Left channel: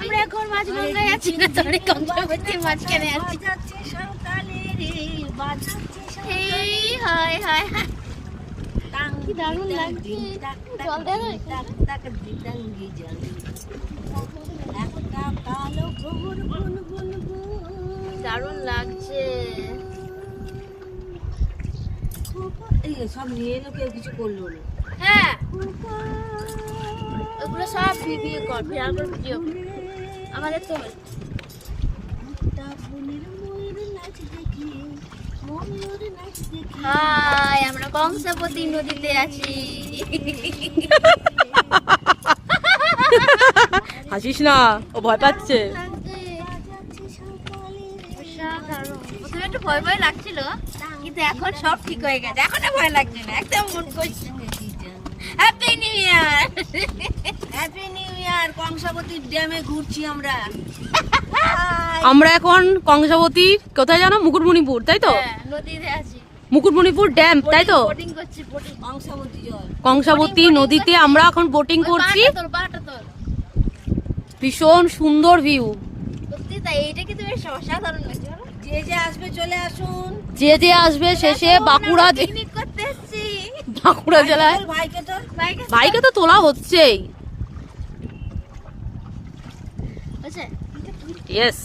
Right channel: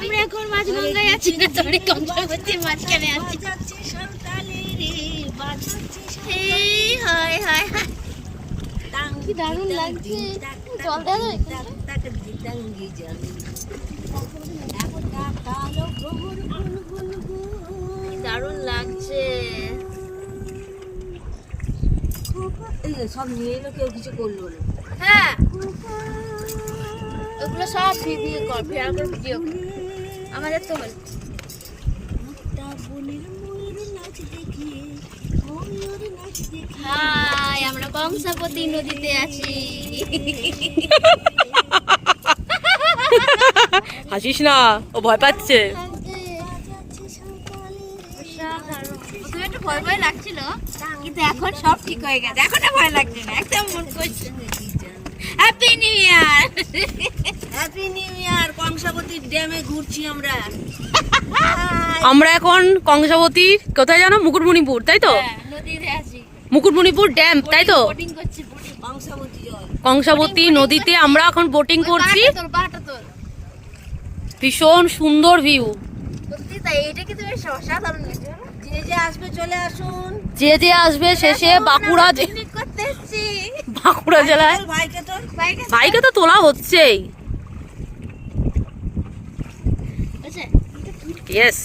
আমরা এখন মাঝগঙ্গায় আছি না, সরি কংসাবতীর মাঝখানে আছি। কি দারুণ লাগছে, জল দেয় দারুণ লাগছে। সব নিয়ে এলো, কেউ কিছু করলো না। হ্যাঁ ওগুলো সব ভিডিও কর, ভিডিও আমাদের তো হাই, আমরা কংসাবতী নদীতে আছি। হাসিস না, ও ভয় পাচ্ছে। প্রথমে একটু ভয় ভয় লাগছিল, কিন্তু এখন সব ঠিক হয়ে গেছে, এখন আর ভয় লাগছে না, একদম মন করছে। Happy new year, happy new year. কংসাবতীর ড্যামে ঘুরছি আমরা। আমরা এখন কংসাবতী কোথায় জানো? মুকুটমণিপুর, তাই তো? নদীতে আছি, মুকুটমণিপুর ড্যাম, তাই তো? বোটিং করছি, বোটিং। কংসাবতী জল। কংসাবতী নদীতে আমরা এখন বোটিং করছি। বাটা তোর ভীষণ সুন্দর ভিউ। সত্যি তাই, এইটা কিন্তু বেশ অসাধারণ লাগছে। যে যে আসবে চলে আসুন। যে যে আসবে শেষে বাঁকুড়া পিকনিক করতে এসেছি। বাঁকুড়া জেলায় ভাইকে তো বাইকে তো তোলা হচ্ছেই। আচ্ছা ইয়েস।